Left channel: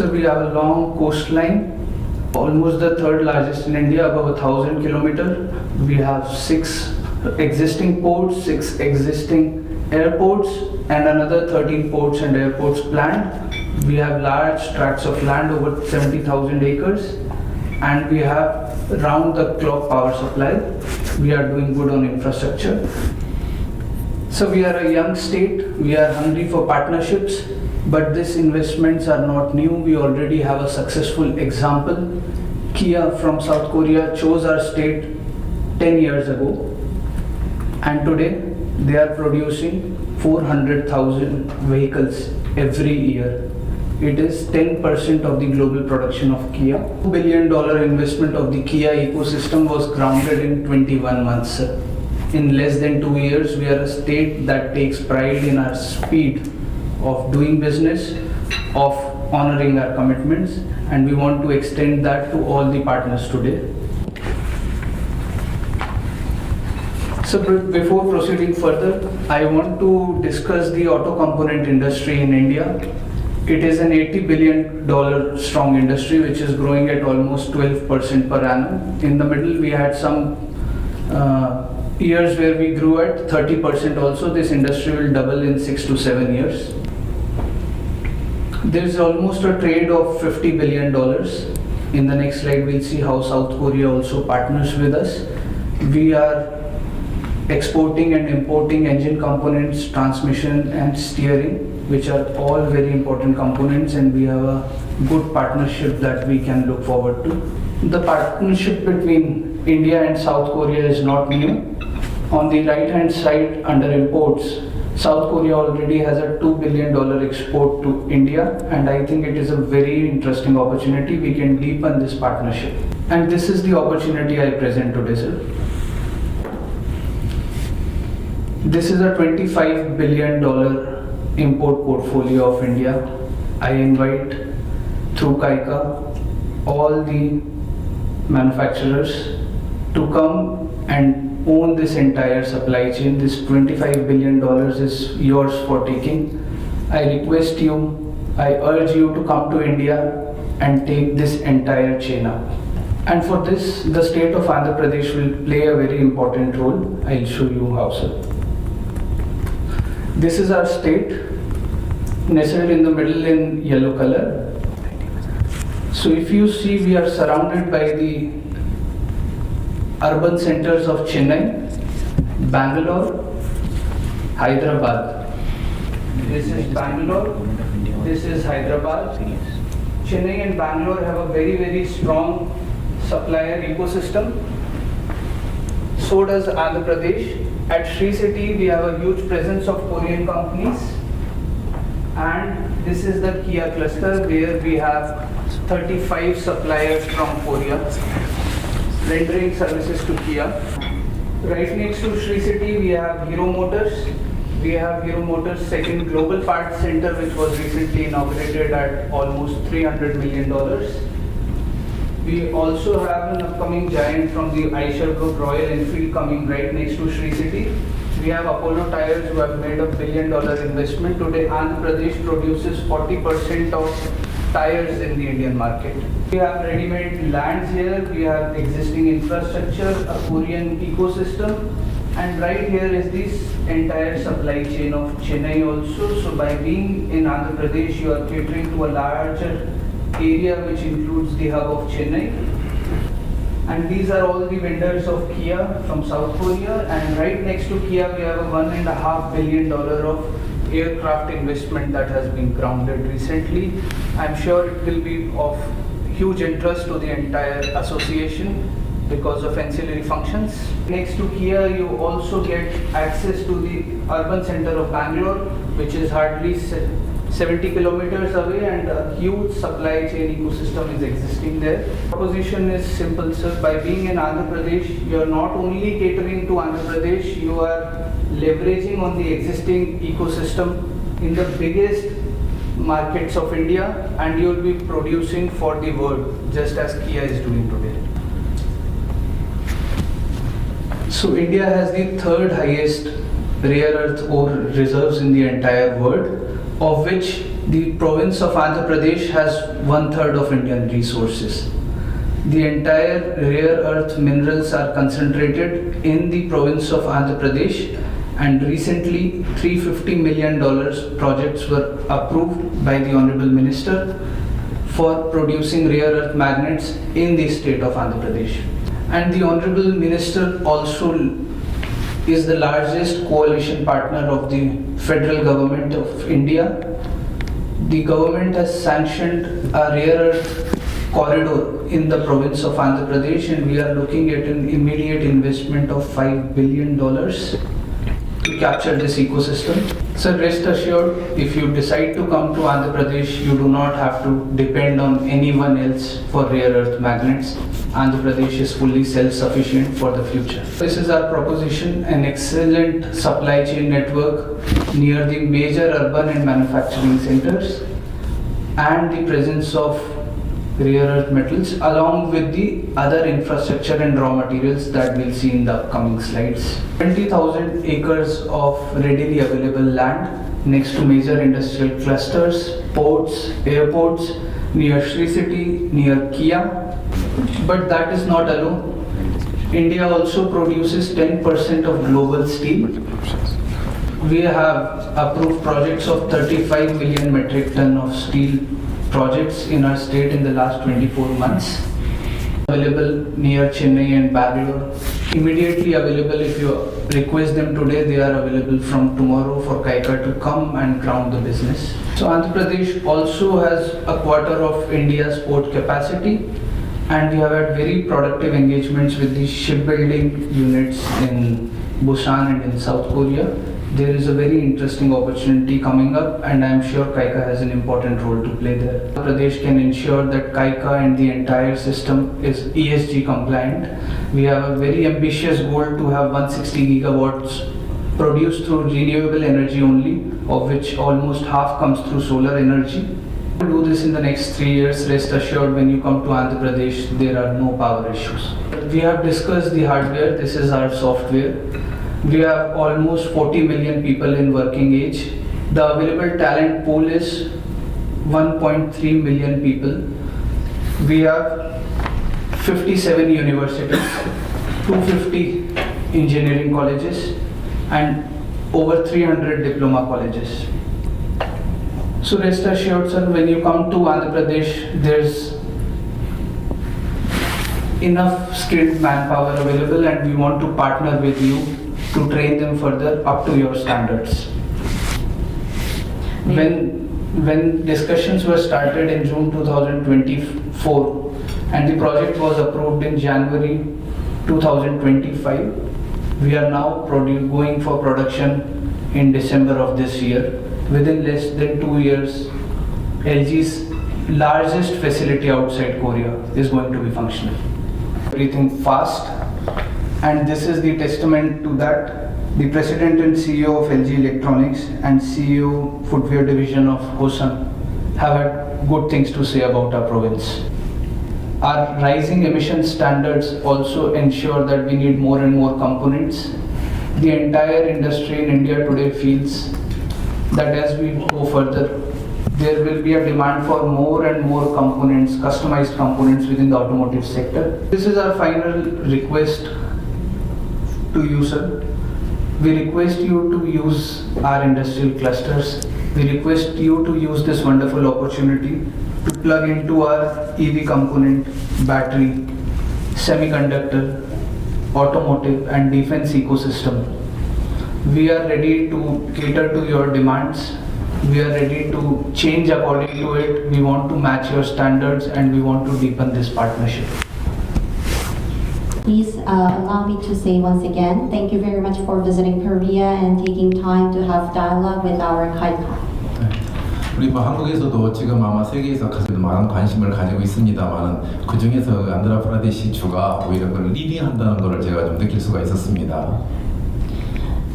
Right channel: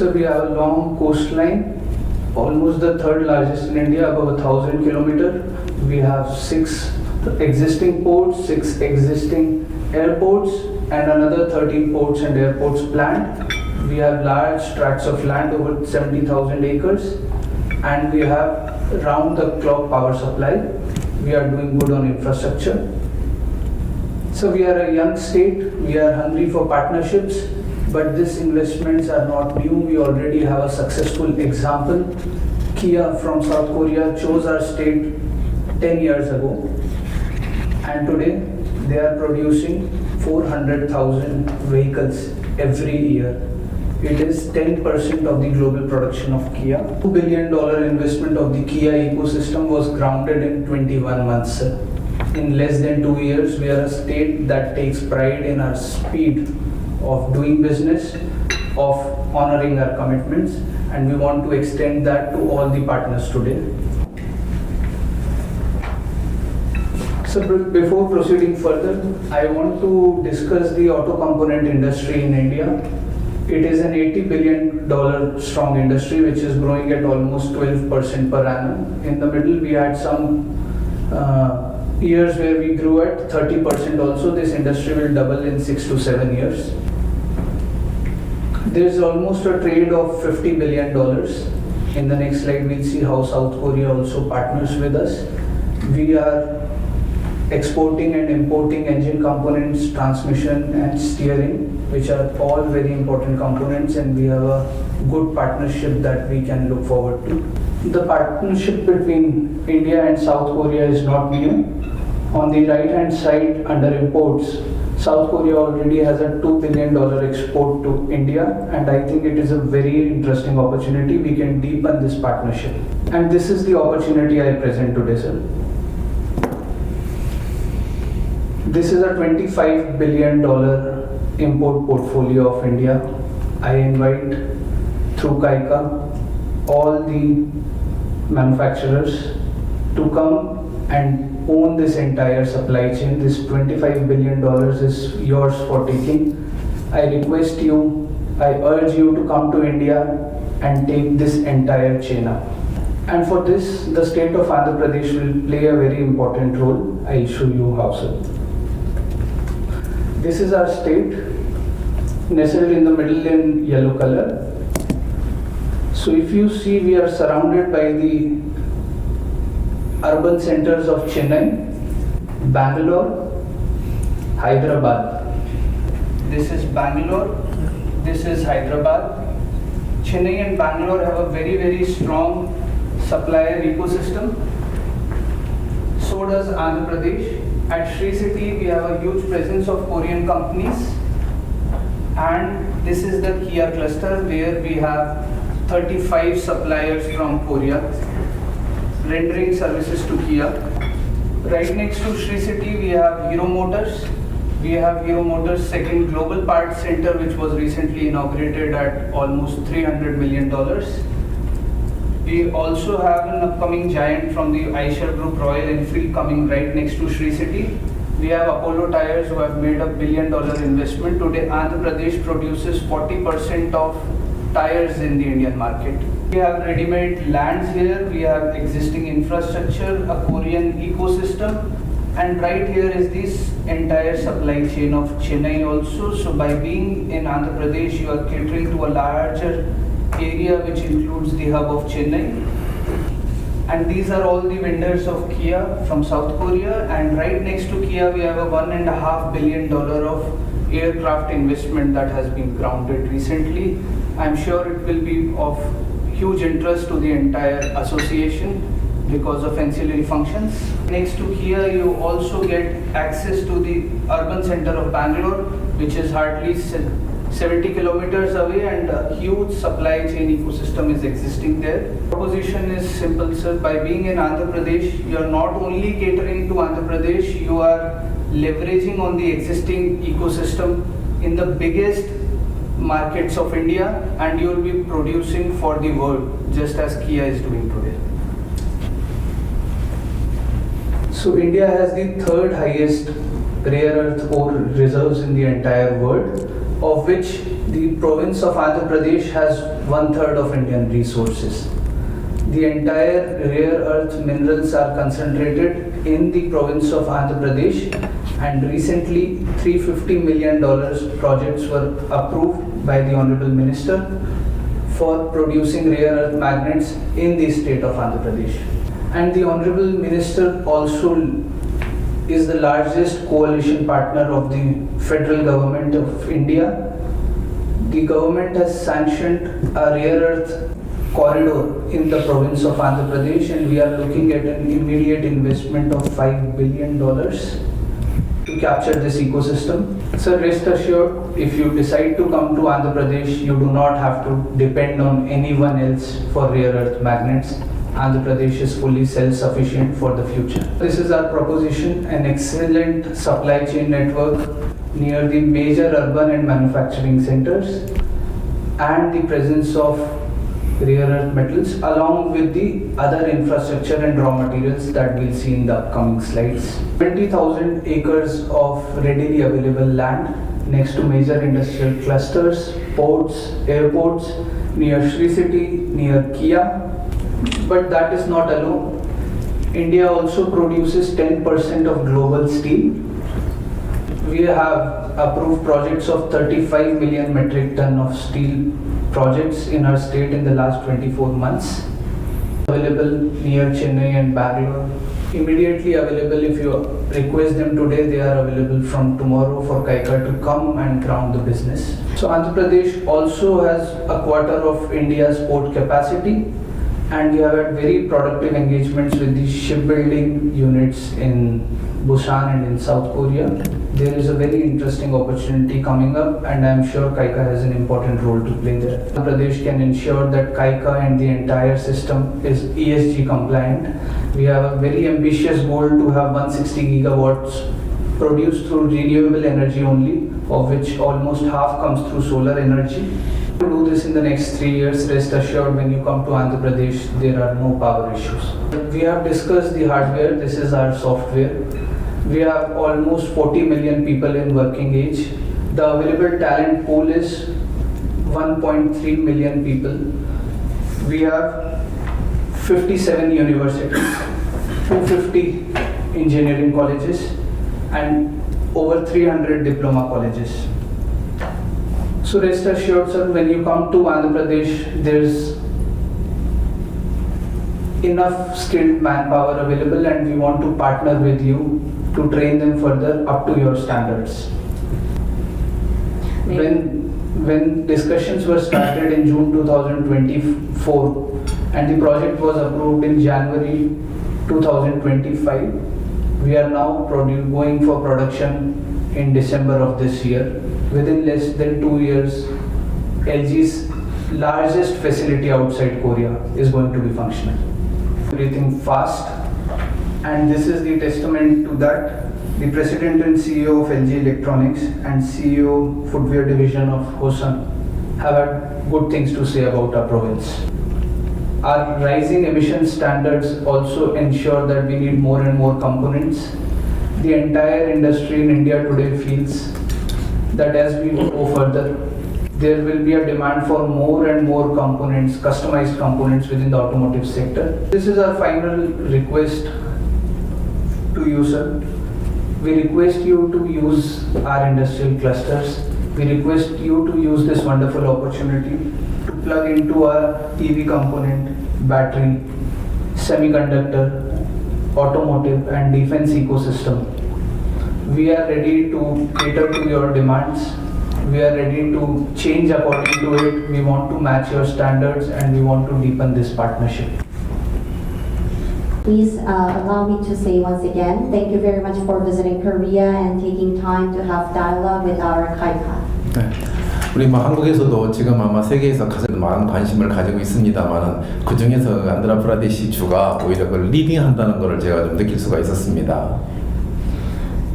So we have a long coastline, almost the third largest in India, above 1,000 kilometers. We have 6 existing ports, 6 existing airports, and another 13 ports and airports planned. We have large tracts of land, over 70,000 acres, and we have round-the-clock power supply. We are doing good on infrastructure. So we are a young state, we are hungry for partnerships, but these investments are not new. We already have a successful example. Kia from South Korea chose our state 10 years ago, and today they are producing 400,000 vehicles every year. It is 10% of the global production of Kia. $2 billion investment of the Kia ecosystem was grounded in 21 months. In less than 2 years, we are a state that takes pride in our speed of doing business, of honoring our commitments, and we want to extend that to all the partners today. So before proceeding further, I want to discuss the auto component industry in India. It is an $80 billion strong industry which is growing at almost 12% per annum. In the middle, we had some years where we grew at 30% also. This industry will double in 6 to 7 years. There is almost a trade of $50 billion. In the next slide, we'll see how South Korea also partners with us. We are exporting and importing engine components, transmission and steering, which are all very important components, and we have a good partnership that we can look forward to. The partnership between India and South Korea is not new. On the right hand side under imports, South Korea already has a $2 billion export to India, and I think it is a very interesting opportunity. We can deepen this partnership. And this is the opportunity I present today, sir. This is a $25 billion import portfolio of India. I invite through KAIKA all the manufacturers to come and own this entire supply chain. This $25 billion is yours for taking. I request you, I urge you to come to India and take this entire chain up. And for this, the state of Andhra Pradesh will play a very important role. I'll show you how, sir. This is our state, nestled in the middle in yellow color. So if you see, we are surrounded by the urban centers of Chennai, Bangalore, Hyderabad. This is Bangalore, this is Hyderabad. Chennai and Bangalore have a very, very strong supplier ecosystem. So does Andhra Pradesh. At Sri City, we have a huge presence of Korean companies, and this is the Kia cluster where we have 35 suppliers from Korea rendering services to Kia. Right next to Sri City, we have Hero Motors. We have Hero Motors' second global parts center, which was recently inaugurated at almost $300 million. We also have an upcoming giant from the Eicher Group, Royal Enfield, coming right next to Sri City. We have Apollo Tyres, who have made $1 billion investment. Today, Andhra Pradesh produces 40% of tires in the Indian market. We have ready-made lands here, we have existing infrastructure, a Korean ecosystem, and right here is this entire supply chain of Chennai also. So by being in Andhra Pradesh, you are catering to a larger area which includes the hub of Chennai. And these are all the vendors of Kia from South Korea, and right next to Kia we have a $1.5 billion of aircraft investment that has been grounded recently. I'm sure it will be of huge interest to the entire association because of ancillary functions. Next to Kia, you also get access to the urban center of Bangalore, which is hardly 70 kilometers away, and a huge supply chain ecosystem is existing there. Proposition is simple, sir. By being in Andhra Pradesh, you are not only catering to Andhra Pradesh, you are leveraging on the existing ecosystem in the biggest markets of India, and you will be producing for the world, just as Kia is doing today. So India has the third highest rare earth ore reserves in the entire world, of which The province of Andhra Pradesh has 1/3 of Indian resources. The entire rare earth minerals are concentrated in the province of Andhra Pradesh, and recently $350 million projects were approved by the Honorable Minister for producing rare earth magnets in the state of Andhra Pradesh. And the Honorable Minister also is the largest coalition partner of the federal government of India. The government has sanctioned a rare earth corridor in the province of Andhra Pradesh, and we are looking at an immediate investment of $5 billion to capture this ecosystem. So rest assured, if you decide to come to Andhra Pradesh, you do not have to depend on anyone else for rare earth magnets. Andhra Pradesh is fully self-sufficient for the future. This is our proposition: an excellent supply chain network near the major urban and manufacturing centers, and the presence of rare earth metals along with the other infrastructure and raw materials that we'll see in the upcoming slides. 20,000 acres of readily available land next to major industrial clusters, ports, airports, near Sri City, near Kia. But that is not alone. India also produces 10% of global steel. We have approved projects of 35 million metric ton of steel projects in our state in the last 24 months. Available near Chennai and Bangalore. Immediately available. If you request them today, they are available from tomorrow for KAICA to come and ground the business. So Andhra Pradesh also has a quarter of India's port capacity, and we have had very productive engagements with the shipbuilding units in Busan and in South Korea. There is a very interesting opportunity coming up, and I am sure KAICA has an important role to play there. Andhra Pradesh can ensure that KAICA and the entire system is ESG compliant. We have a very ambitious goal to have 160 gigawatts produced through renewable energy only, of which almost half comes through solar energy. To do this in the next 3 years, rest assured when you come to Andhra Pradesh, there are no power issues. We have discussed the hardware. This is our software. We have almost 40 million people in working age. The available talent pool is 1.3 million people. We have 57 universities, 250 engineering colleges, and over 300 diploma colleges. So rest assured, sir, when you come to Andhra Pradesh, there's enough skilled manpower available, and we want to partner with you to train them further up to your standards. When discussions were started in June 2024 and the project was approved in January 2025, we are now going for production in December of this year. Within less than 2 years, LG's largest facility outside Korea is going to be functional. Everything fast, and this is the testament to that. The President and CEO of LG Electronics and CEO Footwear Division of Hosan have had good things to say about our province. Our rising emission standards also ensure that we need more and more components. The entire industry in India today feels that as we go further, there will be a demand for more and more components, customized components within the automotive sector. This is our final request to you, sir. We request you to use our industrial clusters. We request you to use this wonderful opportunity to plug into our EV component, battery, semiconductor, automotive and defense ecosystem. We are ready to cater to your demands. We are ready to change according to it. We want to match your standards, and we want to deepen this partnership. Please allow me to say once again, thank you very much for visiting Korea and taking time to have dialogue with our KAICA. 네. 우리 한국에서도 지금 아마 세계에서 가장 많은 관심을 가지고 있습니다만 그 중에서 안드라프라데시주가 오히려 그 리딩한다는 것을 제가 좀 느낄 수가 있었습니다.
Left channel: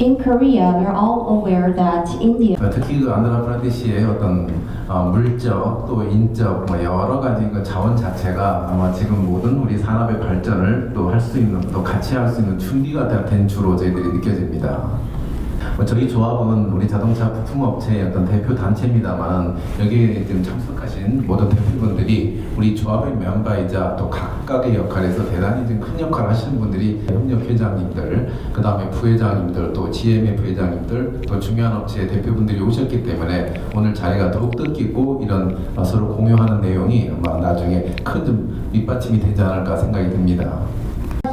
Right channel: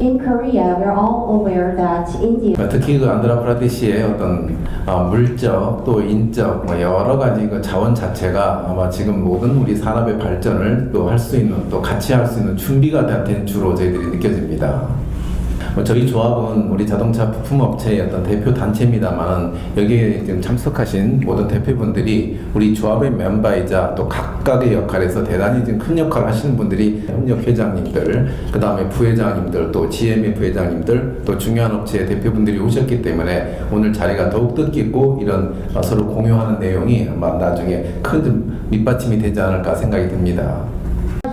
In Korea, we're all aware that India. 특히 그 안드라프라데시의 어떤 물적 또 인적 여러 가지 그 자원 자체가 아마 지금 모든 우리 산업의 발전을 또 할 수 있는 또 같이 할 수 있는 준비가 된 주로 저희들이 느껴집니다. 저희 조합은 우리 자동차 부품업체의 어떤 대표 단체입니다만 여기에 지금 참석하신 모든 대표분들이 우리 조합의 멤버이자 또 각각의 역할에서 대단히 지금 큰 역할을 하시는 분들이 협력회장님들, 그 다음에 부회장님들, 또 GM의 부회장님들, 또 중요한 업체의 대표분들이 오셨기 때문에 오늘 자리가 더욱 뜻깊고 이런 서로 공유하는 내용이 아마 나중에 큰 좀 밑받침이 되지 않을까 생각이 듭니다.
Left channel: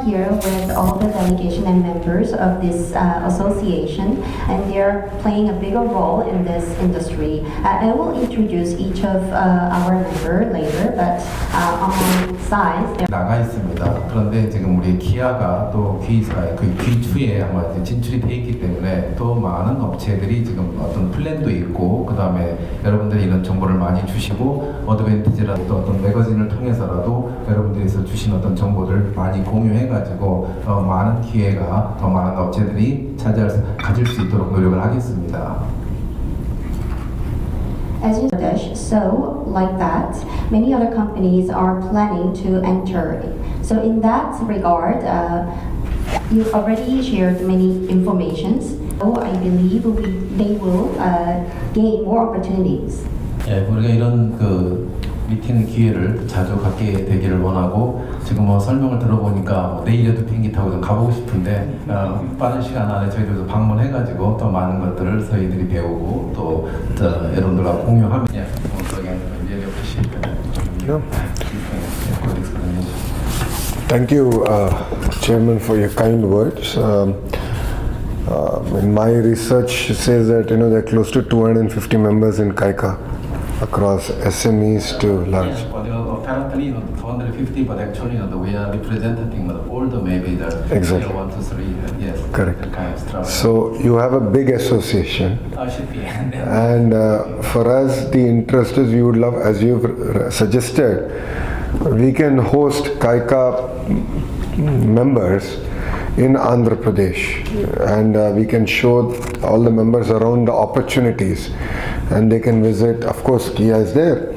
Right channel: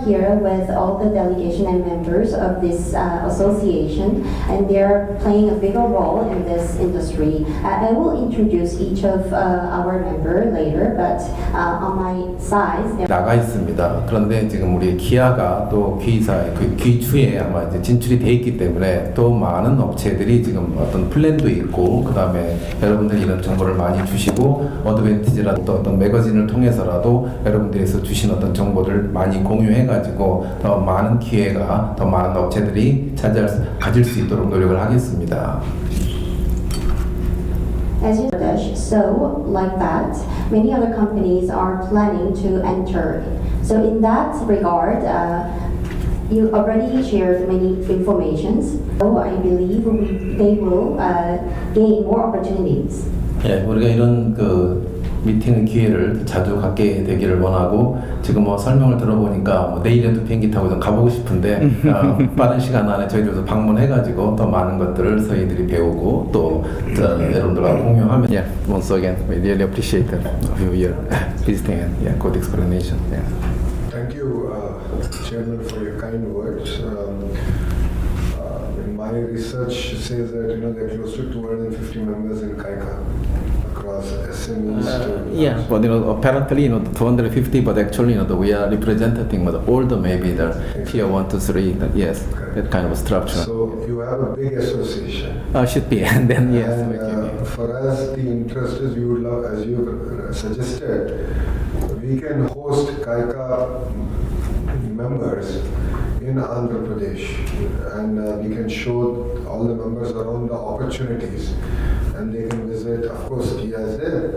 Here with all the delegation and members of this association, and they're playing a bigger role in this industry. I will introduce each of our member later, but on sides. 나가 있습니다. 그런데 지금 우리 기아가 또 B사의 그 B추에 아마 이제 진출이 돼 있기 때문에 또 많은 업체들이 지금 어떤 플랜도 있고 그 다음에 여러분들이 이런 정보를 많이 주시고 어드밴티지라든 또 어떤 매거진을 통해서라도 여러분들에서 주신 어떤 정보를 많이 공유해가지고 더 많은 기회가 더 많은 업체들이 가질 수 있도록 노력을 하겠습니다. As you said, so like that, many other companies are planning to enter. So in that regard, you already shared many informations. So I believe they will gain more opportunities. 예, 우리가 이런 그 미팅 기회를 자주 갖게 되기를 원하고 지금 뭐 설명을 들어보니까 뭐 내일에도 비행기 타고 좀 가보고 싶은데 빠른 시간 안에 저희들도 방문해가지고 더 많은 것들을 저희들이 배우고 또 여러분들과 공유하면 yeah, once again we really appreciate you here. Please thank good explanation. Thank you, Chairman, for your kind words. My research says that there are close to 250 members in KAIKA. Across SMEs to large. Yes, but apparently 250, but actually we are representing all the maybe the Exactly. tier 1 to 3. Yes, Correct. that kind of structure. So you have a big association. Should be, and then yes. And for us, the interest is we would love, as you've suggested, we can host KAIKA members in Andhra Pradesh, and we can show all the members around the opportunities, and they can visit. Of course, Kia is there,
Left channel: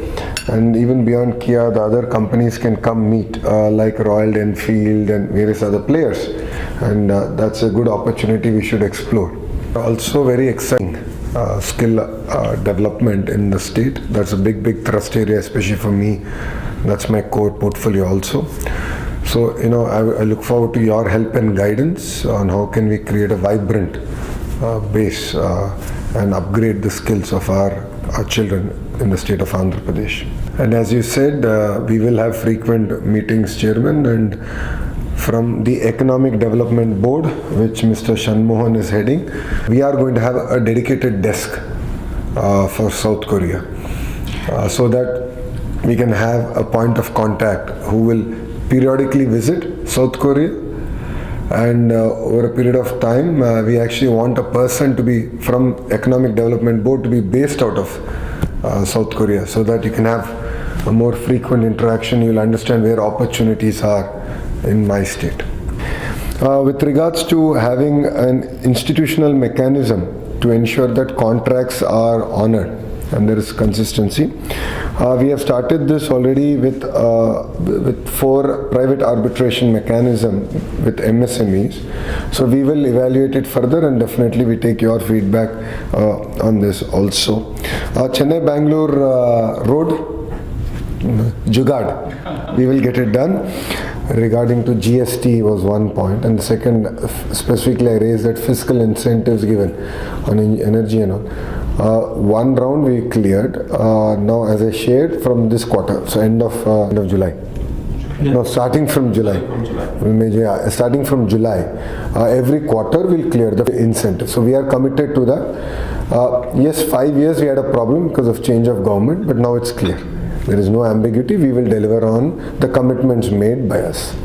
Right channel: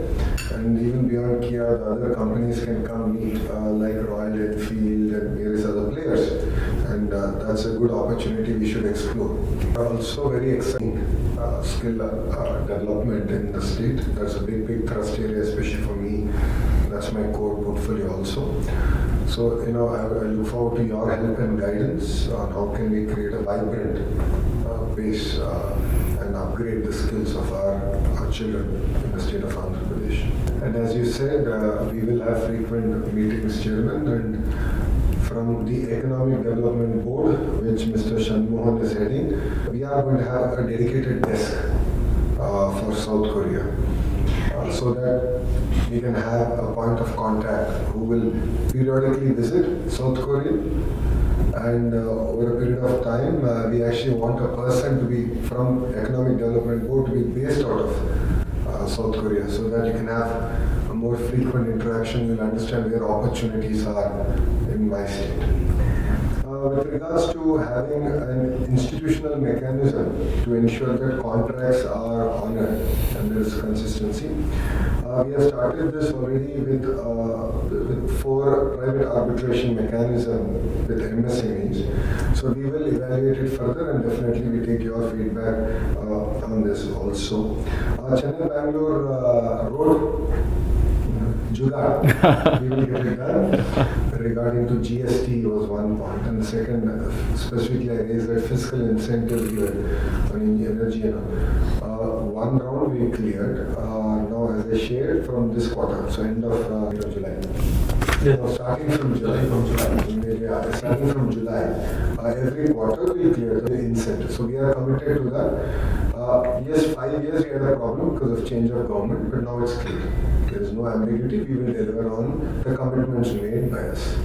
and even beyond Kia, the other companies can come meet, like Royal Enfield and various other players, and that's a good opportunity we should explore. Also, very exciting skill development in the state. That's a big thrust area, especially for me. That's my core portfolio also. So, I look forward to your help and guidance on how can we create a vibrant base and upgrade the skills of our children in the state of Andhra Pradesh. And as you said, we will have frequent meetings, Chairman, and from the Economic Development Board, which Mr. Shanmohan is heading, we are going to have a dedicated desk for South Korea, so that we can have a point of contact who will periodically visit South Korea, and over a period of time we actually want a person to be from Economic Development Board to be based out of South Korea, so that you can have a more frequent interaction. You'll understand where opportunities are in my state. With regards to having an institutional mechanism to ensure that contracts are honored and there is consistency, we have started this already with 4 private arbitration mechanism with MSMEs. So we will evaluate it further, and definitely we take your feedback on this also. Chennai-Bangalore road, Jugaad, we will get it done. Regarding to GST was one point, and the second, specifically I raised that fiscal incentives given on energy and all. One round we cleared. Now, as I shared, from this quarter, so end of July. Yeah. No, starting from July. Yeah, starting from July, every quarter we'll clear the incentive. So we are committed to that. Yes, 5 years we had a problem because of change of government, but now it's clear. There is no ambiguity. We will deliver on the commitments made by us.